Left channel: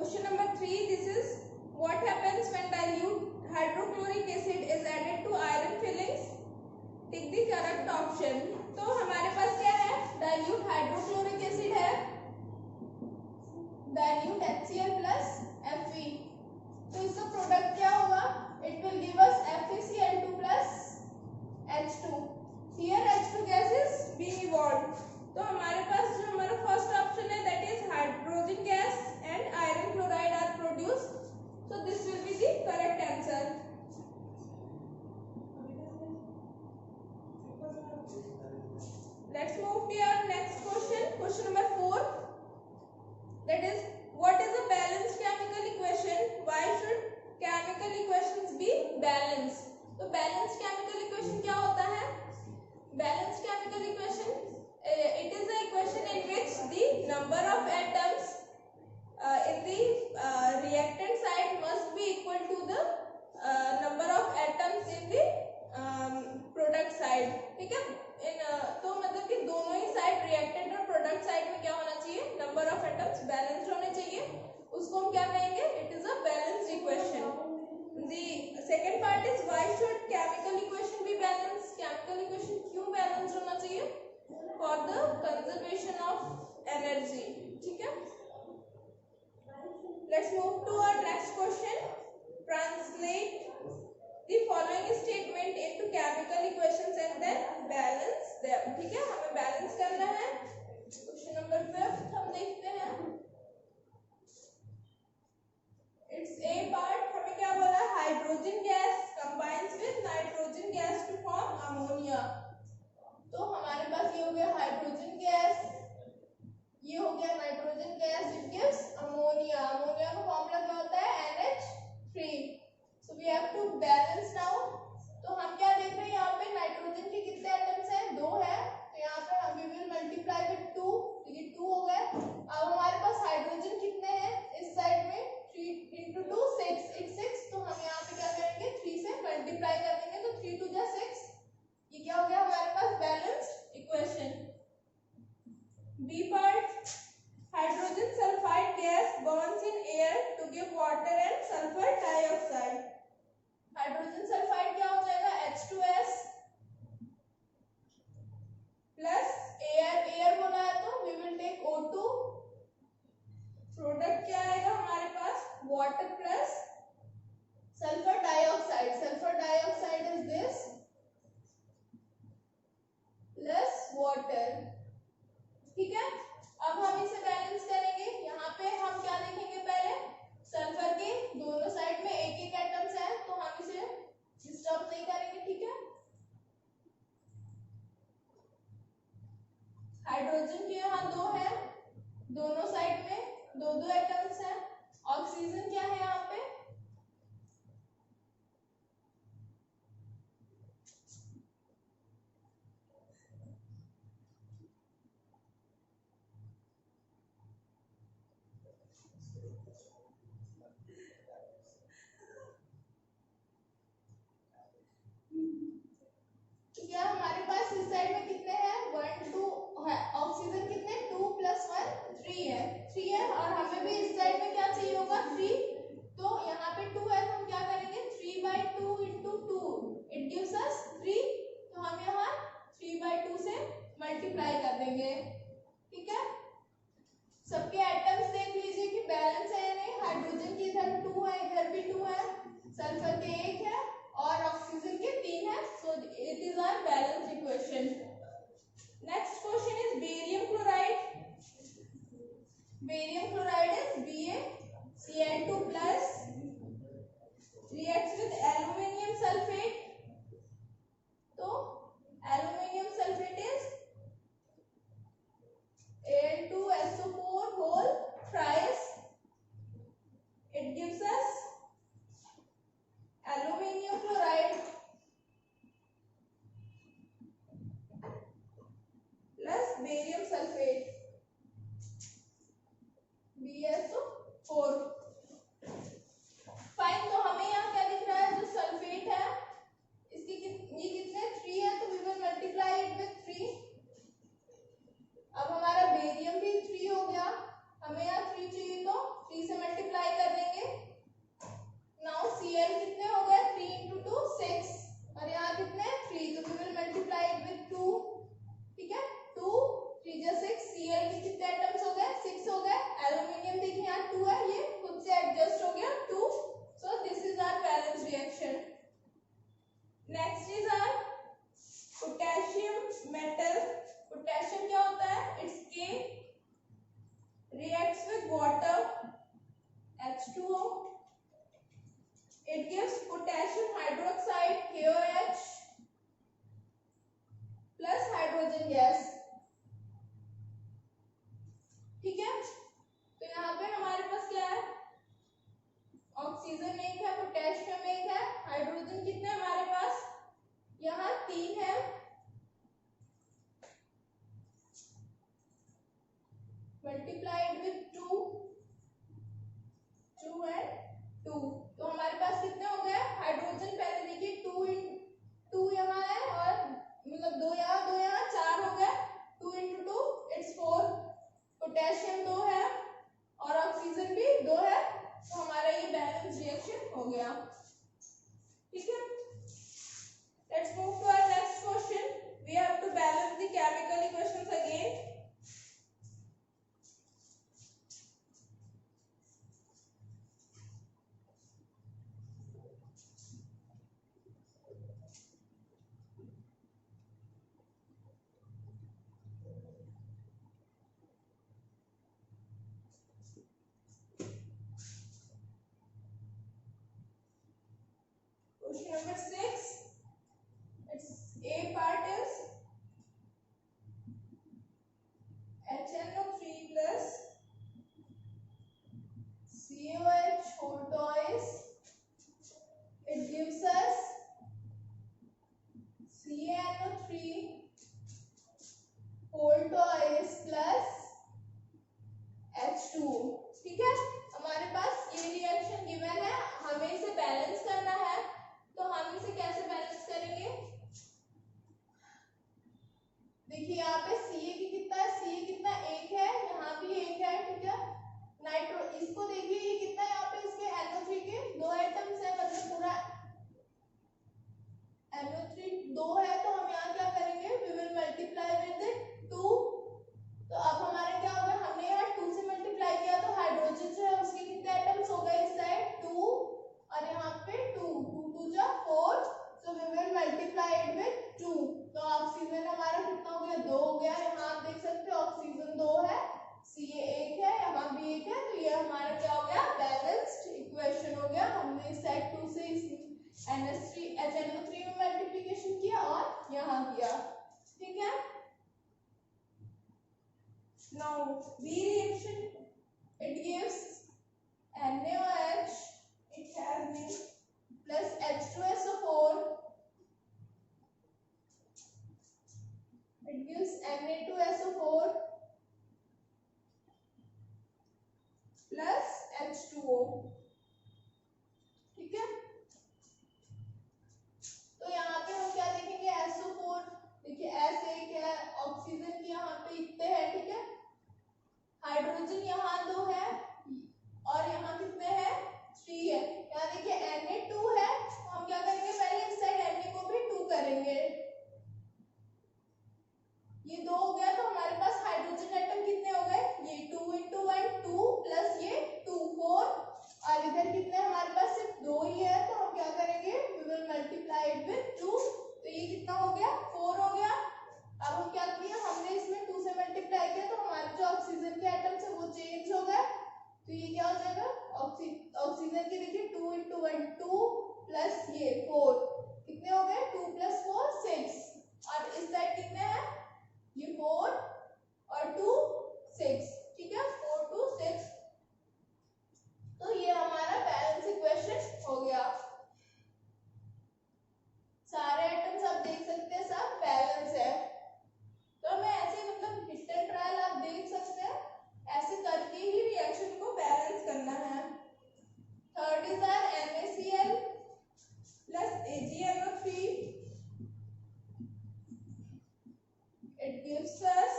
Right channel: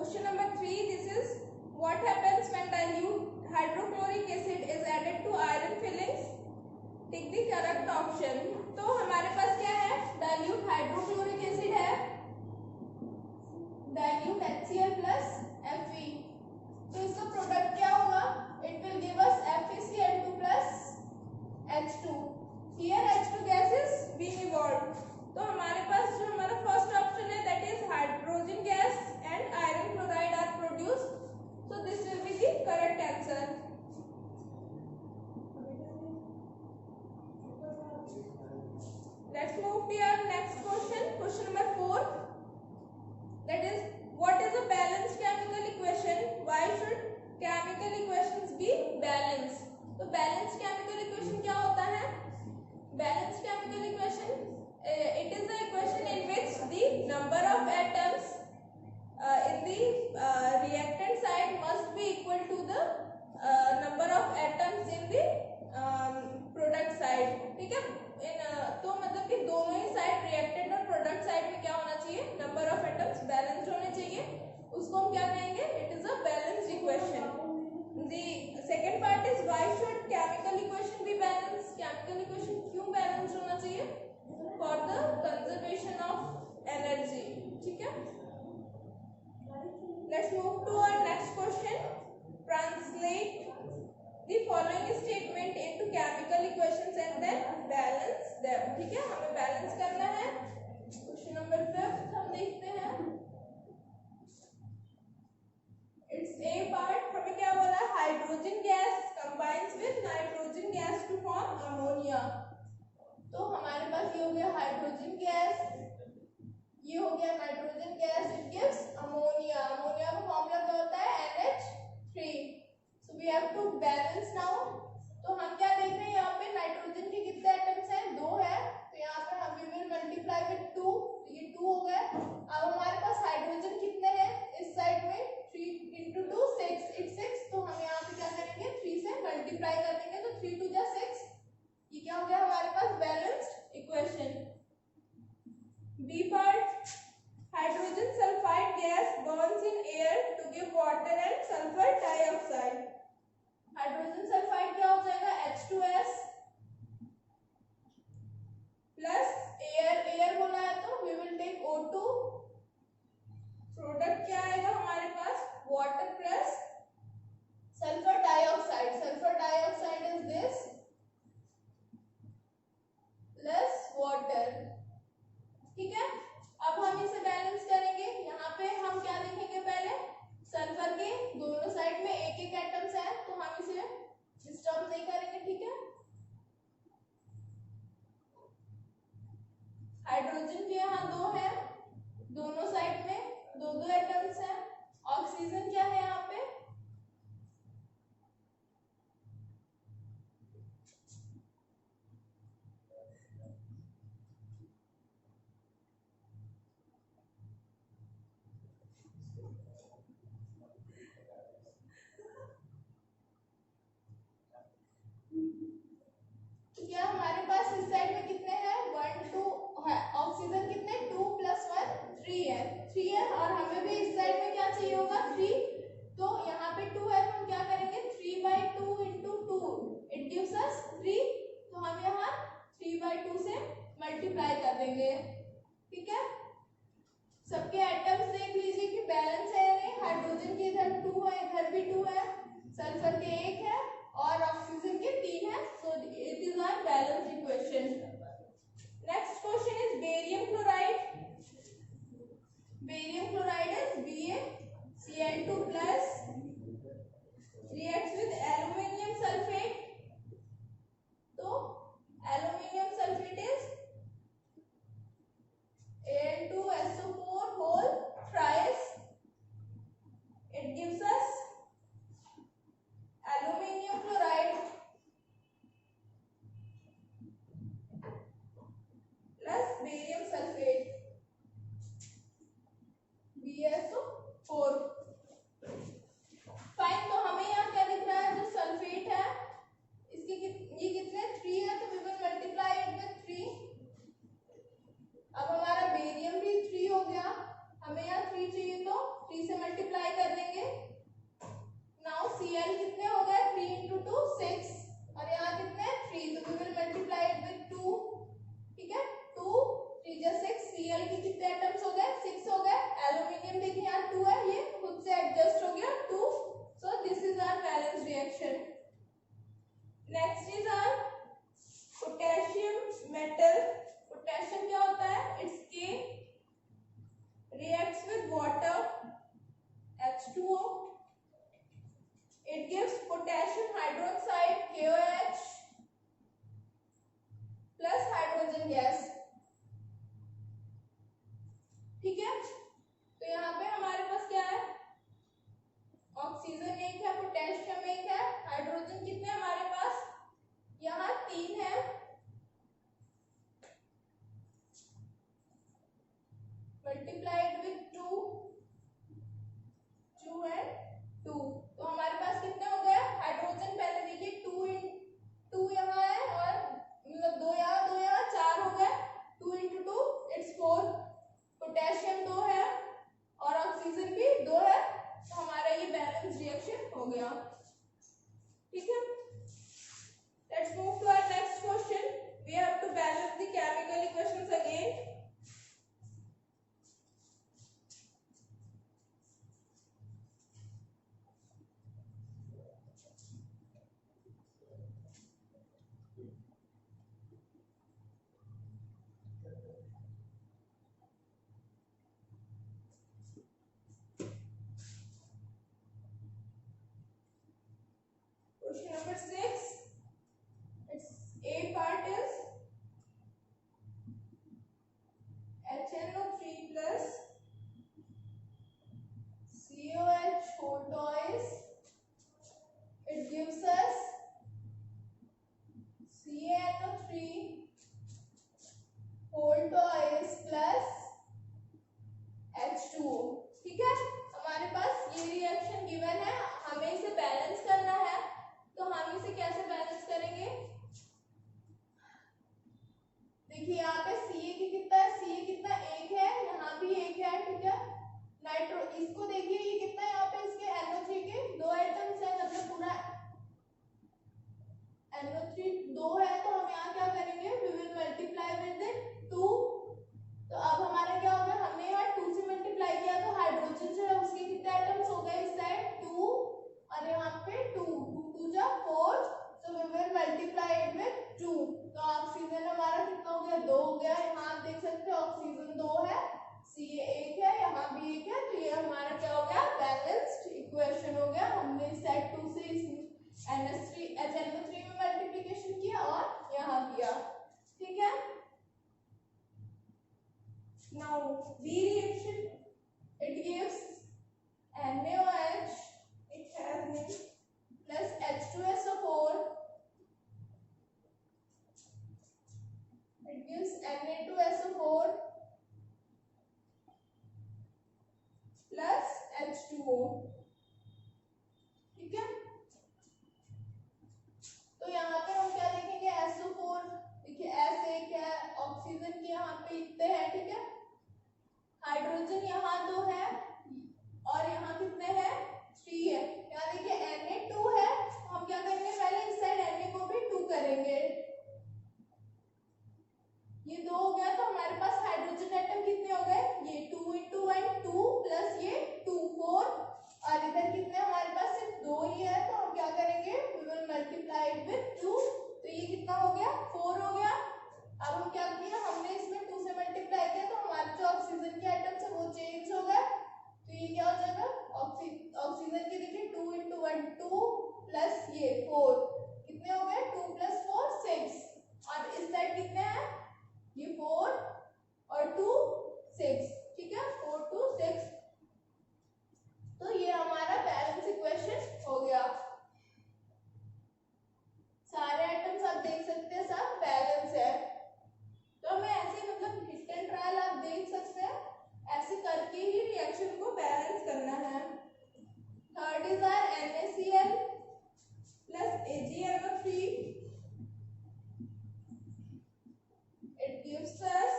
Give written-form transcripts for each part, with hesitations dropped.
Question number 3, this is what happens when dilute hydrochloric acid is added to iron fillings? Take the correct option. तो हमारे पास क्या है, dilute hydrochloric acid है, dilute HCl plus Fe. तो इसका product क्या होगा? It will give us FeCl2 plus H2. Here H2 gas is being evolved. तो हमारे पास जो हमारा फर्स्ट ऑप्शन है that is hydrogen gas and iron chloride are produced. So this will be the correct answer. Let's move to your next question. Question number 4. That is, what is a balanced chemical equation? Why should chemical equations be balanced? तो balanced chemical equation क्या होता है? Balanced chemical equation, it is the equation in which the number of atoms in the reactant side must be equal to the number of atoms in the product side. ठीक है, तो मतलब कि दोनों ही side, reactant और product side में क्या होना चाहिए, नंबर ऑफ एटम्स बैलेंस्ड होने चाहिए. उसको हम क्या कहेंगे? It is a balanced equation. The second part is why should chemical equation be balanced? Chemical equation क्यों बैलेंस्ड होना चाहिए? For the conservation of energy. ठीक है. Let's move to our next question. Translate the following statement into chemical equations and then balance them. ठीक है, हमें balance करना है. क्वेश्चन नंबर 5 हम देखते हैं. It's A part. हमें क्या बोला? Hydrogen gas combines with nitrogen gas to form ammonia. तो हमारे पास ये हो गया हाइड्रोजन गैस, ये हो गया nitrogen gas, it gives ammonia. Ammonia का फॉर्मूला क्या होता है? NH3. So we have to balance now. तो हम क्या देख रहे हैं यहाँ पे? नाइट्रोजन के कितने एटम्स हैं? 2 है. तो यहाँ पे हम विल मल्टीप्लाई विद 2, तो ये 2 हो गए. अब हमारे पास हाइड्रोजन कितने हैं इस साइड में? 3 into 2 6, it's 6. तो हम यहाँ पे क्या करेंगे? 3 से मल्टीप्लाई कर देंगे, तो 3 2 जा 6. ये क्या हो गया हमारे पास? Balanced equation. B part, hydrogen sulphide gas burns in air to give water and sulphur dioxide. Hydrogen sulphide क्या हो जाएगा? H2S प्लस एयर, एयर बोला है तो we will take O2. Product क्या आएगा हमारे पास? Water plus sulphur dioxide. Sulphur dioxide is this plus water. ठीक है, अब हम इसे बैलेंस करेंगे. यहाँ पे हम क्या देखेंगे? पहले सल्फर के दोनों साइड में एक एक एटम्स है, तो हम इसे डिस्टर्ब नहीं करेंगे. ठीक है, हाइड्रोजन के यहाँ 2 है, दोनों साइड में 2 एटम्स हैं. ऑक्सीजन क्या है यहाँ पे? क्या हमारे पास इस साइड में कितने हैं? 1 2 है. ऑक्सीजन कितने? 2 + 1 3 है. 3 है, और हमें भी इस साइड में क्या चाहिए होगा? 3. तो यहाँ पे 2 है, तो हम क्या करेंगे? 3/2 into 2 इट गिव्स अस 3. तो हम यहाँ 3/2 से मल्टीप्लाई कर देंगे. ठीक है, सबके एटम्स देख लीजिए कि बैलेंस है या नहीं. हाइड्रोजन के इधर 2 है, इधर भी 2 है, सल्फर के 1 है और ऑक्सीजन के 3 है. So it is our balanced equation. Next question is barium chloride. Barium chloride is BaCl2 plus reacts with aluminium sulfate. तो aluminium sulfate is Al2SO4 whole thrice. It gives us aluminium chloride plus barium sulfate BSO4. Fine. तो हमें यहाँ क्या दिख रहा है? जो sulphate है इसकी ये कितने? 3 है, तो we will multiply it with 3. अब हमारा बेरियम भी 3 हो गया. हमें यहाँ 3 चाहिए, तो 3 से मल्टीप्लाई मल्टीप्लाइड विथ 2 एंड 2, तो हमारे पास कितने हो गए हाइड्रोजन? पहले देखिए 2 यहाँ है और मतलब 2 यहाँ 2 यहाँ 4 हो गए, 2 × 2 इट्स 4, पोटेशियम 2 है और ऑक्सीजन भी 2 है, तो हमारा ये बैलेंस रिएक्शन हो गया। ठीक है, let's move to our next question. We have to balance the chemical equations again. Question number 6. Its A part is HNO3 plus COH whole twice. It gives us CaNO3 whole twice plus H2O। ठीक है, हमारे पास ये reaction given है, हमें इसे balance करना है, तो हम इसे कैसे बैलेंस करेंगे? देखिए यहाँ पे Ca की कितना है, Ca कितना 1 है, यहाँ भी 1 है। ठीक है, नाइट्रो इसको देखिए ये कितना है, यहाँ पे इसके NO3 के 2 आइटम्स है, मतलब पूरा NO3 2 है, तो हम यहाँ क्या करेंगे, वी विल मल्टीप्लाई विद 2। तो अब हमारा क्या होगा, हमने यहाँ 2 से मल्टीप्लाई किया, तो हाइड्रोजन जो है उसके कितने आइटम्स हो गए इस साइड 2 और यहाँ पे 2 2 2 जा 4, so we will multiply it with 2। तो ऑक्सीजन हमारा कितना हो गया, 2 हो गया। यहाँ आप देख सकते हो ऑक्सीजन 2 है, Ca 1 है, यहाँ भी 1 है, तो ये हमारा क्या हो गया, बैलेंस्ड इक्वेशन हो गया। हमने सेट 2 से इस HNO3 में मल्टीप्लिकेशन किया और यहाँ किया। ठीक है, now B reaction, it gives NaOH, it has me plus H2SO4, it gives Na2SO4 plus H2O। ठीक है, तो यहाँ पे हम क्या देखेंगे, SO4 देखिए S1 है, ऑक्सीजन की यहाँ पे इतने हैं। ठीक है, हाइड्रोजन यहाँ 2 है और यहाँ कितने हैं 3 है। यहाँ देखिए Na2 है, हम क्या करेंगे, पहले इस साइड Na को भी 2 करेंगे, ये 2 हो गया, तो हमारे पास हाइड्रोजन एटम कितने हो गए, ये 2 × 1 2 प्लस ये 2 4, और इधर कितने हमारे पास सिर्फ 2 ही है, तो हम क्या करेंगे, we will multiply it with 2, तो ये कितना हो गया 4 हो गया। अब हम क्या किया, हमने इसमें 2 से मल्टीप्लाई किया, तो हमारे जो ऑक्सीजन के आइटम्स है वो चेंज हो गए, तो ये क्या हो जाएगा, ऑक्सीजन के देखिए 2 × 1 2 प्लस ये 4, कितने हो गए 2 + 4 6, और इस साइड कितने हैं, ये 4 और 2 6। ठीक है, 4 2 6, तो ये हमारा बैलेंस इक्वेशन हो गया। सारे आइटम्स आप देख सकते हैं सब बैलेंस है, तो मैं ऐसे मतलब हिट एंड ट्रायल आप देख सकते हैं, ऐसे करके ही रिएक्शन को बैलेंस करना है। Third is our NaCl plus AgNO3, it gives us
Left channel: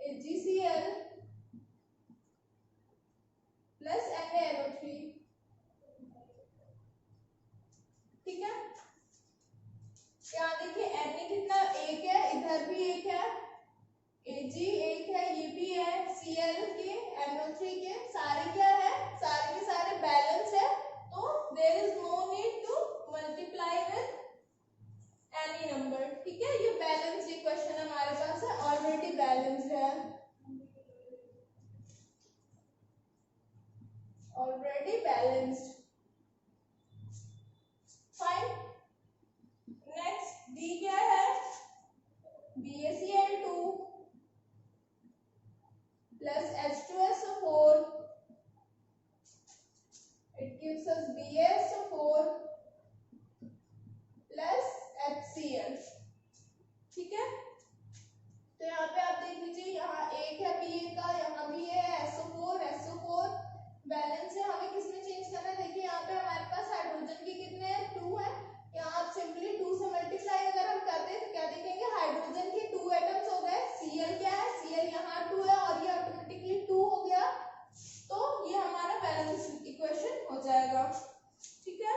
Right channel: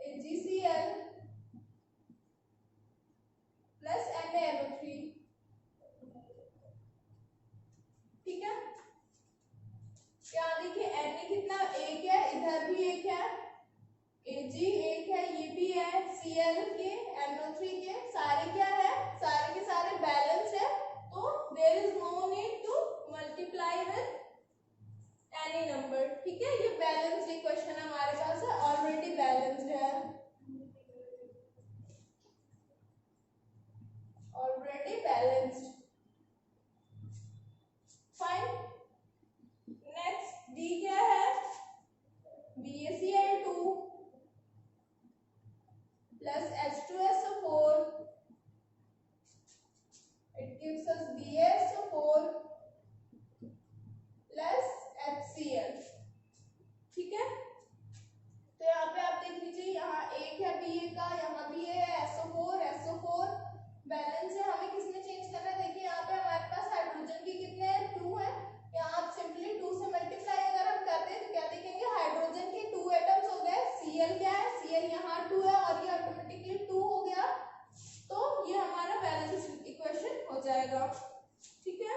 AgCl plus NaNO3। ठीक है, यहाँ देखिए Na कितना 1 है, इधर भी 1 है, Ag 1 है, ये भी है, Cl के NO3 के सारे क्या है, सारे के सारे बैलेंस है, तो there is no need to multiply with any number. ठीक है, ये बैलेंस इक्वेशन हमारे पास है, ऑलरेडी बैलेंस्ड है, already balanced. Fine, next D क्या है, BaCl2 plus H2SO4, it gives us BaSO4 plus HCl। ठीक है, Ba का, यहाँ भी है SO4 बैलेंस है। हमें किसमें चेंज करना है? देखिए यहाँ पे हमारे पास हाइड्रोजन की कितने हैं? 2 है। यहाँ आप सिंपली 2 से मल्टीप्लाई अगर हम करते हैं तो क्या देखेंगे? हाइड्रोजन के 2 एटम्स हो गए। Cl क्या है? Cl यहाँ 2 है और ये ऑटोमेटिकली 2 हो गया, तो ये हमारा बैलेंस इक्वेशन हो जाएगा। ठीक है।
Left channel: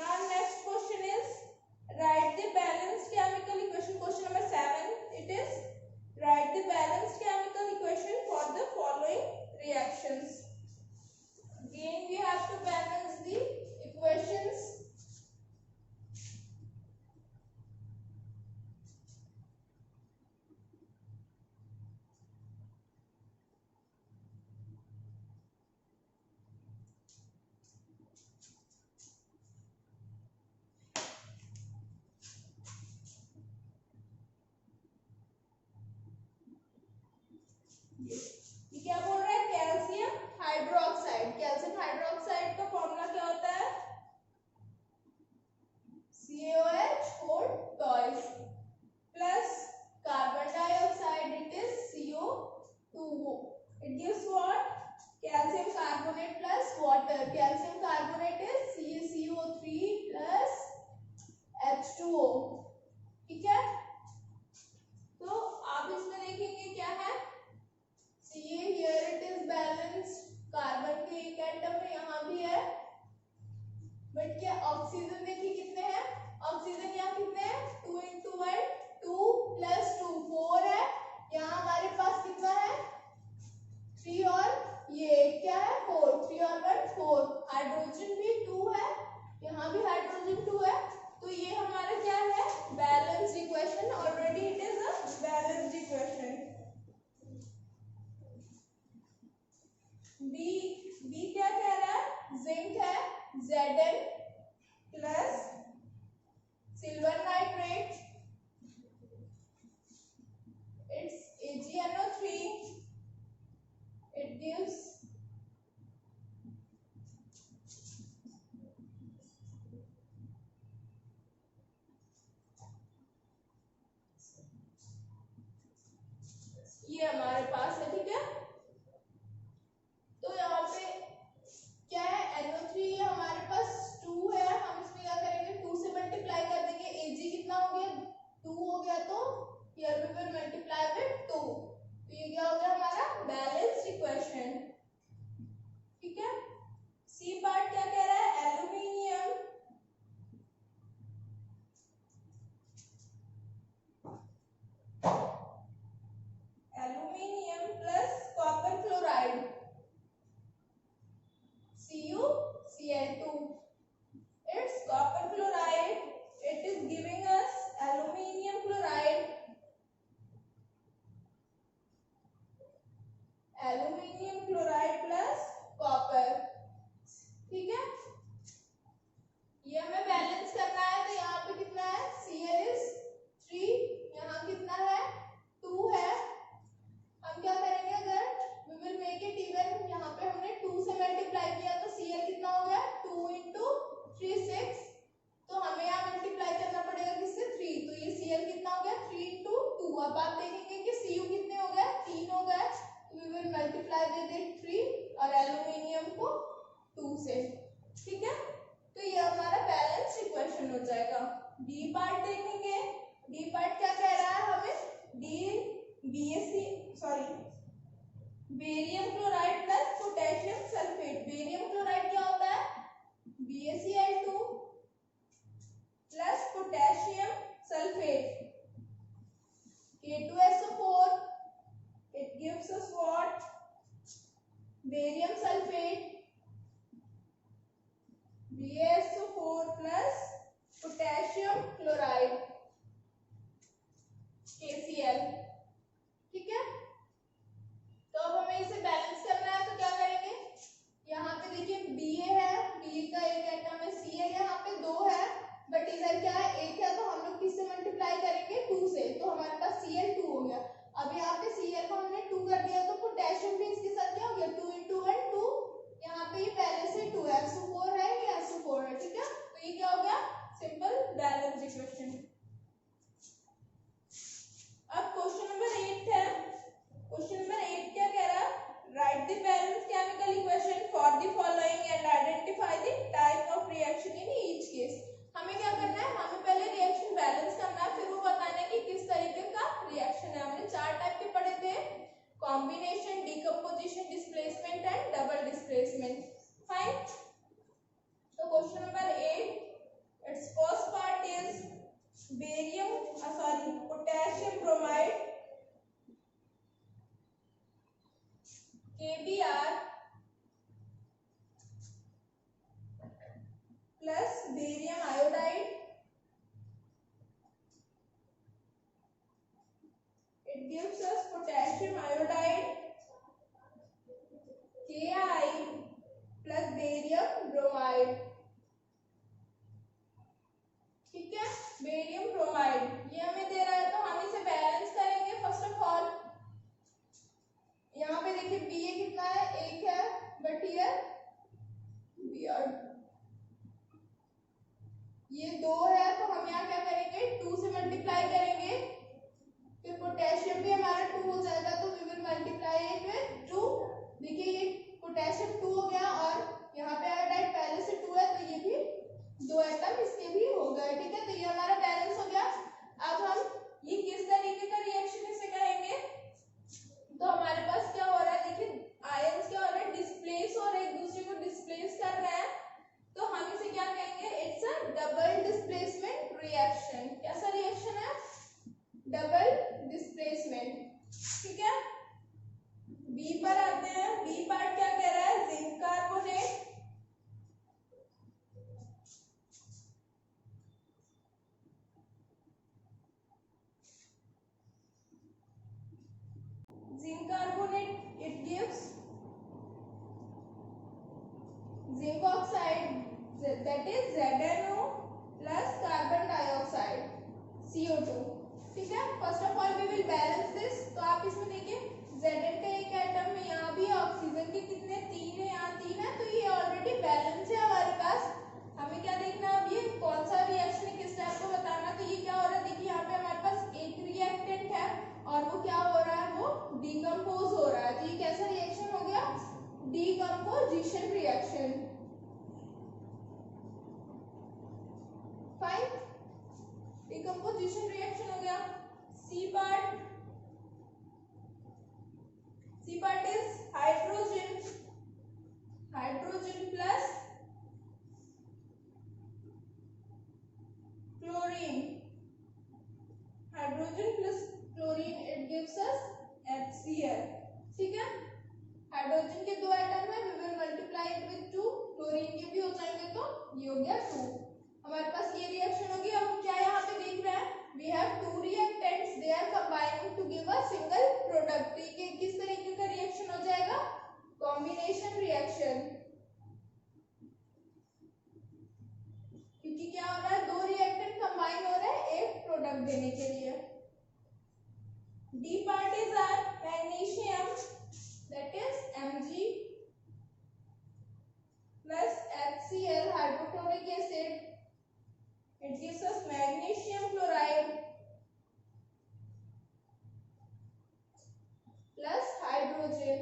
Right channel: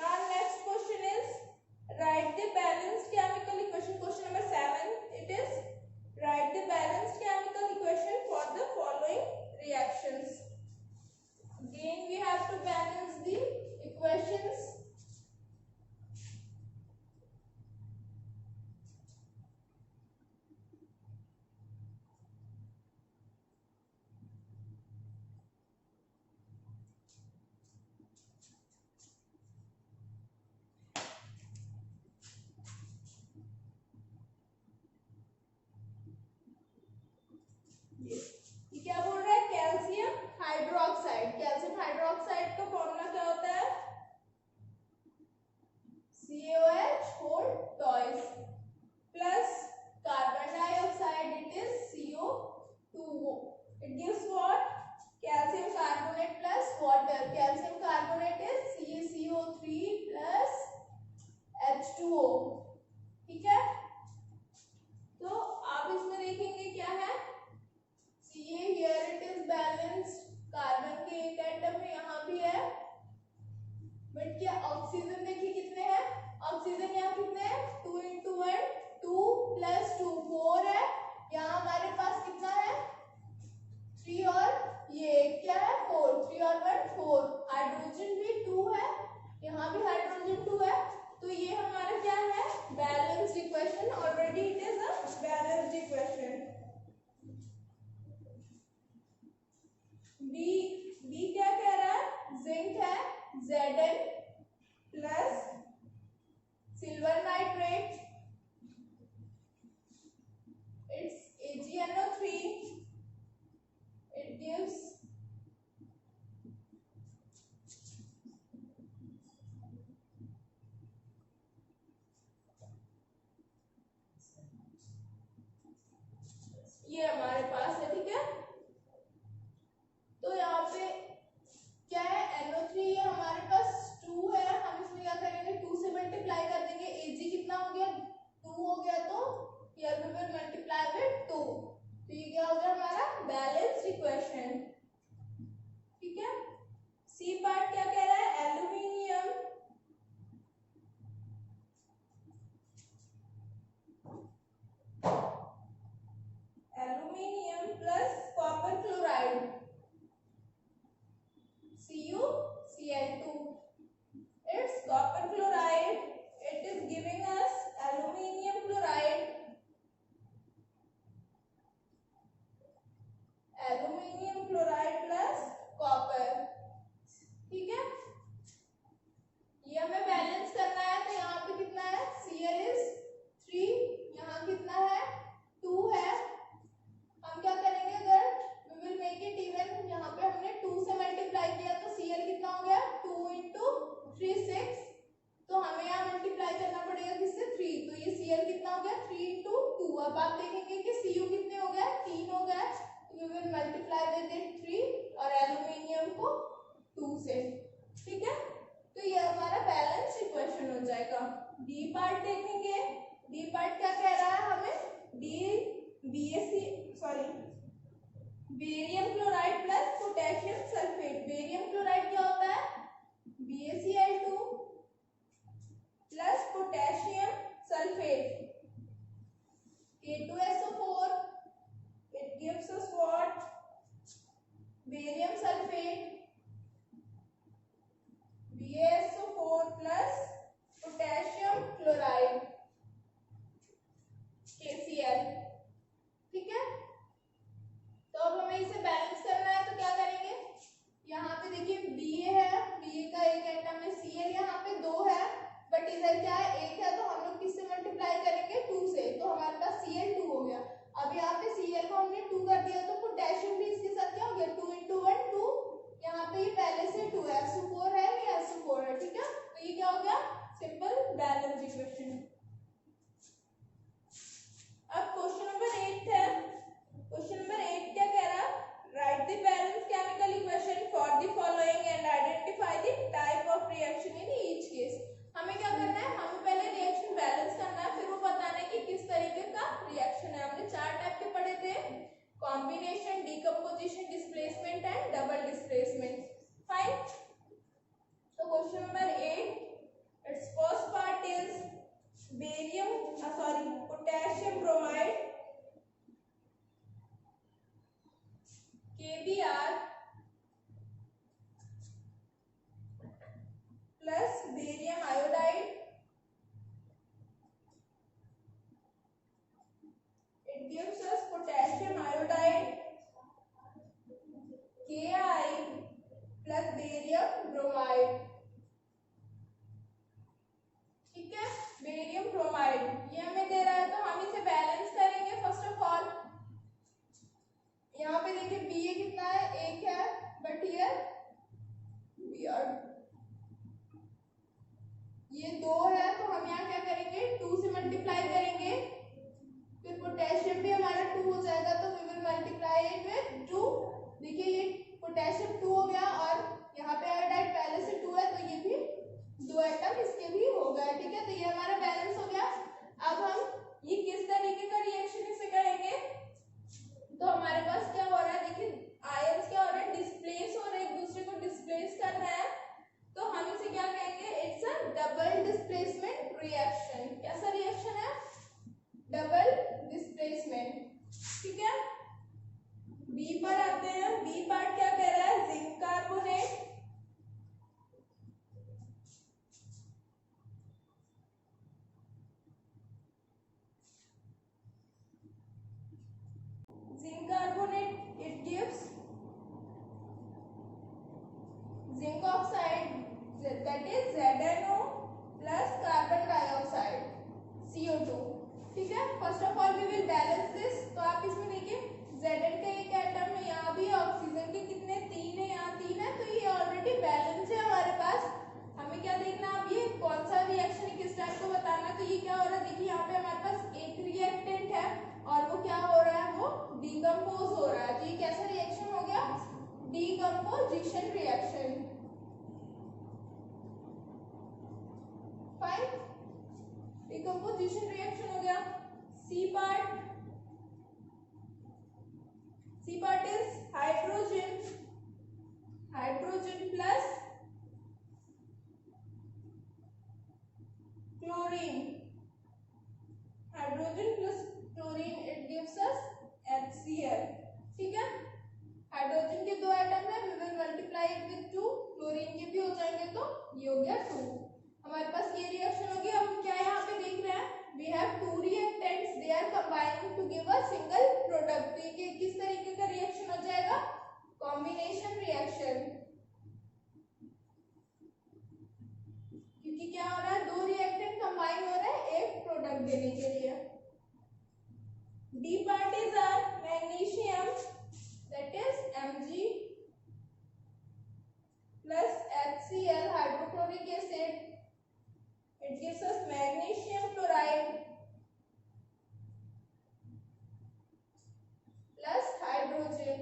Now next question is write the balanced chemical equation. Question number 7. It is write the balanced chemical equation for the following reactions. Again we have to balance the equations. ये क्या बोल रहा है? Calcium hydroxide. Calcium hydroxide का formula क्या होता है? CaOH whole twice plus carbon dioxide, it is CO2. It gives what? Calcium carbonate plus water. Calcium carbonate is CaCO3 plus H2O. ठीक है। तो आप इसमें देखेंगे क्या है? Ca here it is balanced, carbon के एक एटम में यहाँ भी है, बट क्या ऑक्सीजन देखिए कितने हैं? ऑक्सीजन यहाँ कितने हैं? 2 into 1 2 plus 2 4 है। यहाँ हमारे पास कितना है? 3 और ये क्या है? 4। 3 और 1 4। हाइड्रोजन भी 2 है, यहाँ भी हाइड्रोजन 2 है, तो ये हमारा क्या है? Balanced equation. Already it is a balanced equation. B क्या कह रहा है? जिंक है Zn plus silver nitrate, it's AgNO3, it gives ये हमारे पास है। ठीक है। तो यहाँ पे क्या है? NO3 ये हमारे पास 2 है, हम इसमें क्या करेंगे? 2 से मल्टीप्लाई कर देंगे। Ag कितना हो गया? 2 हो गया, तो here we will multiply with 2, तो ये क्या हो गया? हमारा बैलेंस्ड इक्वेशन। ठीक है। सी पार्ट क्या कह रहा है? Aluminium plus copper chloride CuCl2. It's copper chloride. It is giving us aluminium chloride. Aluminium chloride plus copper. ठीक है। ये हमें बैलेंस करना है, तो यहाँ पे कितना है? Cl is 3, यहाँ कितना है? 2 है। हम क्या करेंगे? अगर we will make it even, यहाँ पे हमने 2 से मल्टीप्लाई किया तो Cl कितना हो गया? 2 into 3 6, तो हमें यहाँ मल्टीप्लाई करना पड़ेगा किससे? 3, तो ये Cl कितना हो गया? 3 into 2। अब आप देखेंगे कि Cu कितने हो गए? 3 हो गए, तो we will multiply with it 3 और एल्यूमिनियम को 2 से। ठीक है। तो ये हमारा बैलेंस इक्वेशन हो जाएगा। बी पार्ट देखेंगे। बी पार्ट क्या कह रहा है हमें? Barium chloride plus potassium sulphate. Barium chloride क्या होता है? BaCl2 plus potassium sulphate K2SO4, it gives us what? Barium sulfate BaSO4 plus potassium chloride KCl। ठीक है। तो अब हमें इसे बैलेंस करना है, तो क्या करेंगे? यहाँ पे देखिए Ba है, Ba का एक एटम है, Cl यहाँ पे 2 है, बट इधर क्या है? 1 है, तो हम लोग किससे मल्टीप्लाई करेंगे? 2 से, तो हमारे पास Cl2 हो गया। अब यहाँ पे Cl को हमने 2 कर दिया, तो पोटेशियम भी इसके साथ क्या हो गया? 2 into 1 2, यहाँ पे ये पहले से 2 है, SO4 है, ये SO4 है। ठीक है। तो ये क्या हो गया? Simple balance equation. अब क्वेश्चन नंबर 8 है। Question number it gives us potassium iodide Ki plus barium bromide। ठीक है, बेरियम ब्रोमाइड ये हमें दे रहा है, तो हम इसे बैलेंस करेंगे। फर्स्ट ऑफ ऑल यहाँ पे देखिए बी ए कितना है, एक है, बट हियर बी आर ये 2 है, तो हम यहाँ क्या करेंगे 2 से मल्टीप्लाई करेंगे, फिर पोटेशियम भी हमारा 2 हो जाएगा, तो we will multiply it with 2। देखिए ये पोटेशियम 2 हो गया और यहाँ पे आयोडाइड पहले से 2 है, तो ये भी 2 एटम इसके भी हो गए। ठीक है, तो ये हमारा बैलेंस हो गया। अब हम ये किस तरीके का रिएक्शन इसे करेंगे, तो हमारे पास क्या हो रहा है, देखिए आयंस क्या हो रहा है, डिस्प्लेस हो रहे हैं, एक दूसरे को डिस्प्लेस कर रहे हैं, तो हम इसे क्या कहेंगे, it's a double displacement reaction. कैसा रिएक्शन है, डबल डिस्प्लेसमेंट। ठीक है, बी पर आते हैं। बी पार्ट क्या कह रहा है, zinc carbonate it gives zinc oxide, that is ZnO plus carbon dioxide CO2। ठीक है, first of all we will balance this. तो आप इसमें देखिए Zn का एक एटम है, यहाँ भी ऑक्सीजन के कितने 3 है, यहाँ 3 है, तो ये ऑलरेडी बैलेंस है हमारे पास। हमें क्या देखना है, अब ये कौन सा रिएक्शन है, किस टाइप को बताना है। तो ये क्या हो रहा है, देखिए यहाँ पे हमारे पास एक रिएक्टेंट है और वो क्या हो रहा है, वो डिकम्पोज हो रहा है। तो ये कैसा रिएक्शन हो गया, decomposition reaction. Fine, decomposition reaction हो गया। C part is hydrogen plus chlorine, hydrogen plus chlorine, it gives us HCl। ठीक है, हाइड्रोजन के 2 एटम है, we will multiply it with 2, chlorine के भी हो जाएंगे, तो ये हो गया 2। हमारे पास ये रिएक्शन होगी। अब हम क्या यहाँ पे देख रहे हैं, we have 2 reactants, they are combining to give a single product. तो ये किस तरीके का रिएक्शन हो जाएगा, कॉम्बिनेशन रिएक्शन, क्योंकि क्या हो रहा है, 2 रिएक्टेंट कंबाइन हो रहे हैं एक प्रोडक्ट देने के लिए। D part is are magnesium, that is Mg plus HCl hydrochloric acid, it gives us magnesium chloride plus hydrogen।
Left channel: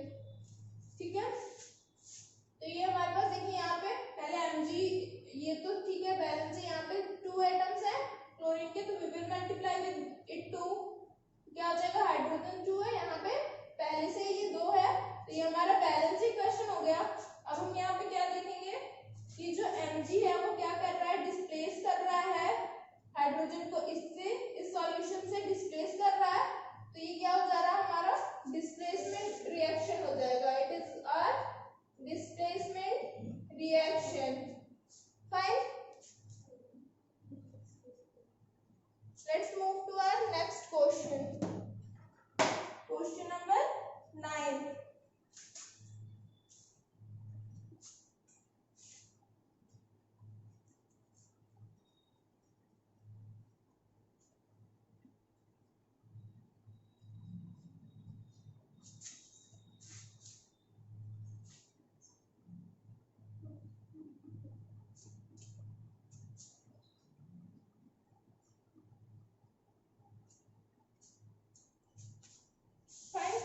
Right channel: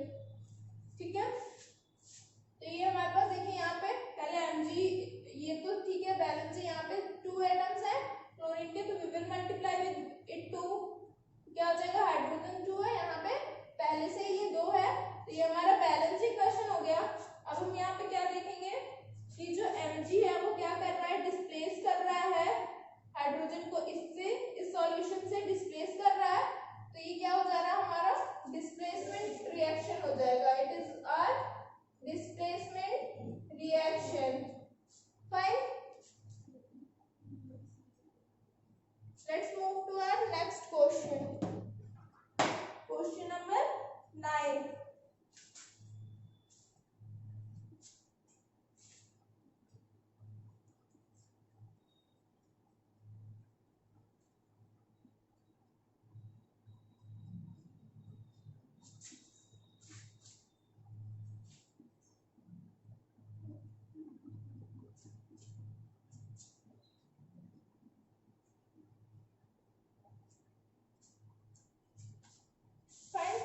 ठीक है, तो ये हमारे पास देखिए यहाँ पे पहले Mg, ये तो ठीक है बैलेंस है, यहाँ पे 2 एटम्स है क्लोरीन के, तो we will multiply with it 2, क्या हो जाएगा, हाइड्रोजन 2 है, यहाँ पे पहले से ये 2 है, तो ये हमारा बैलेंस इक्वेशन हो गया। अब हम यहाँ पे क्या लिखेंगे कि जो Mg है वो क्या कर रहा है, डिस्प्लेस कर रहा है हाइड्रोजन को, इससे इस सॉल्यूशन से डिस्प्लेस कर रहा है, तो ये क्या हो जा रहा है, हमारा डिस्प्लेसमेंट रिएक्शन हो जाएगा। It is a displacement reaction. Fine, let's move to our next question. Question number 9.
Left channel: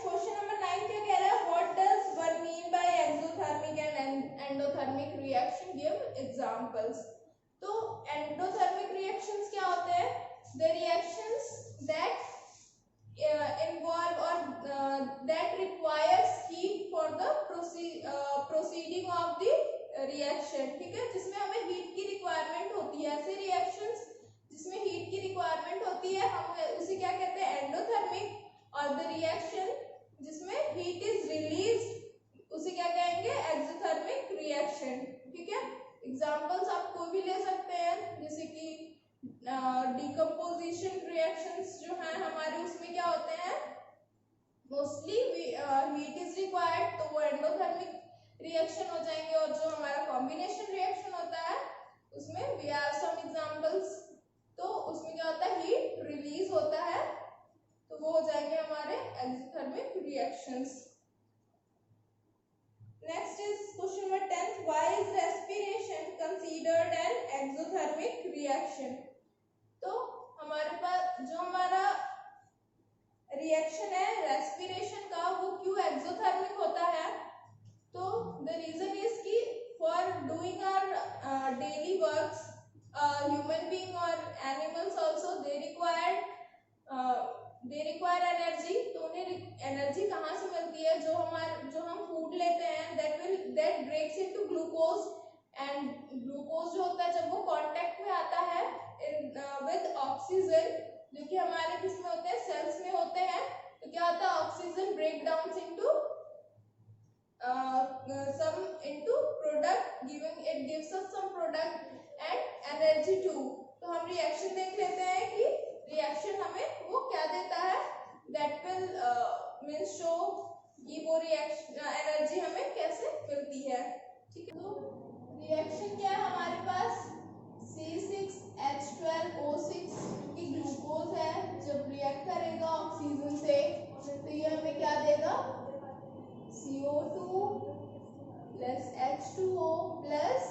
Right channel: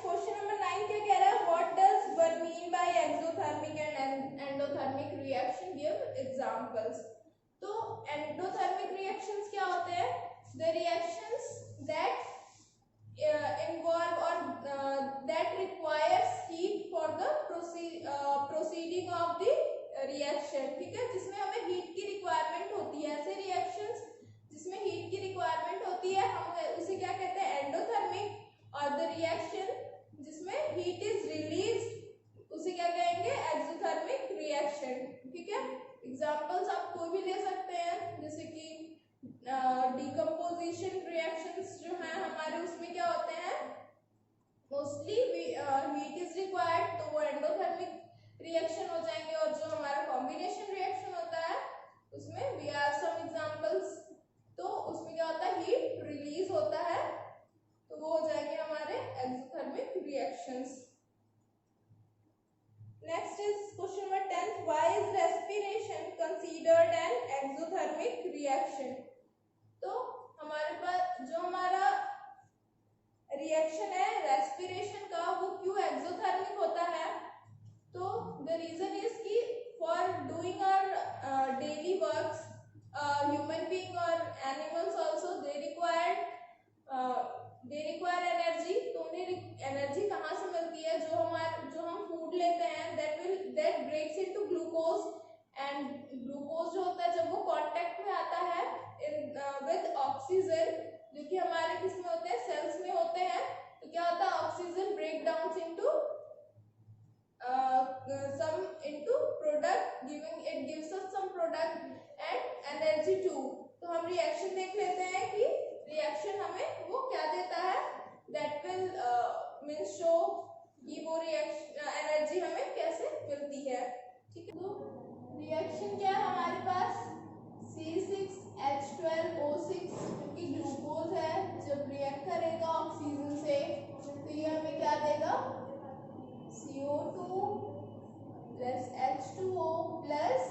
Question number 9 क्या कह रहा है, what does one mean by exothermic and endothermic reaction, give examples। तो endothermic reactions क्या होते हैं, the reactions that involve or that requires heat for the proceeding of the reaction। ठीक है, जिसमें हमें हीट की रिक्वायरमेंट होती है, ऐसे रिएक्शंस जिसमें हीट की रिक्वायरमेंट होती है हम उसे क्या कहते हैं, एंडोथर्मिक। और द रिएक्शन जिसमें हीट इज रिलीज्ड उसे क्या कहेंगे, एक्सोथर्मिक रिएक्शन। ठीक है, एग्जांपल्स आप कोई भी ले सकते हैं, जैसे कि डिकम्पोजिशन रिएक्शंस जो हैं हमारे, उसमें क्या होते हैं, रिएक्शन हो जाएंगे, और जो हमारा कॉम्बिनेशन रिएक्शन होता है उसमें वी आर सम एग्जांपल्स। तो उसमें क्या होता है, हीट रिलीज होता है, तो वो हो जाएंगे हमारे exothermic reactions. Next is question number 10, why is respiration considered an exothermic reaction. तो हमारे पास जो हमारा रिएक्शन है रेस्पिरेशन का, वो क्यों एक्सोथर्मिक होता है? तो द रीजन इज कि for doing our daily works, human being और animals also they require energy. तो उन्हें एनर्जी कहाँ से मिलती है? जो हम फूड लेते हैं, that breaks into glucose, and glucose जो होता है जब वो कांटेक्ट में आता है विद ऑक्सीजन, जो कि हमारे किस में होते हैं, सेल्स में होते हैं, तो क्या होता है, oxygen break down into some into product, it gives us some product and energy too। तो हम रिएक्शन देख लेते हैं कि रिएक्शन हमें वो क्या देता है, that will means show कि वो रिएक्शन एनर्जी हमें कैसे मिलती है। ठीक है, तो रिएक्शन क्या है हमारे पास, C6H12O6 क्योंकि ग्लूकोज है, जब रिएक्ट करेगा ऑक्सीजन से तो ये हमें क्या देगा, CO2 plus H2O plus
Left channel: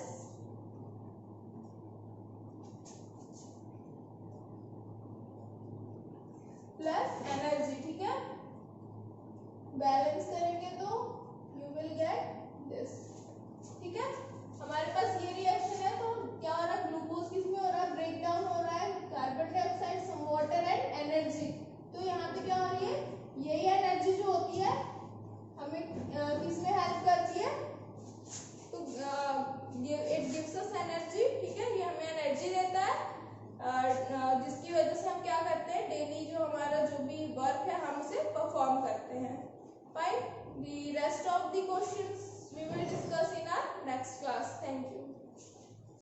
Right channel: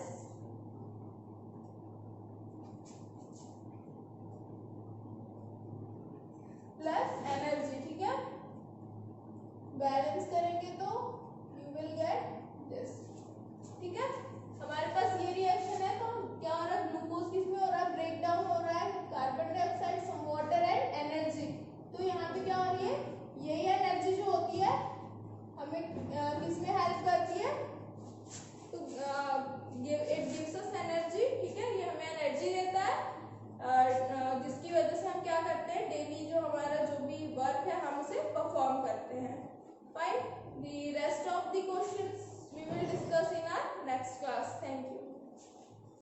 energy. ठीक है, बैलेंस करेंगे तो यू विल गेट दिस। ठीक है, हमारे पास ये रिएक्शन है, तो क्या हो रहा है, ग्लूकोज किस में हो रहा है, ब्रेक डाउन हो रहा है, carbon dioxide, some water and energy. तो यहाँ पे क्या हो रही है, यही एनर्जी जो होती है हमें किस में हेल्प करती है, तो इट गिव्स अस एनर्जी। ठीक है, ये हमें एनर्जी देता है, जिसकी वजह से हम क्या करते हैं, डेली जो हमारा जो भी वर्क है हम उसे परफॉर्म करते हैं। Fine, the rest of the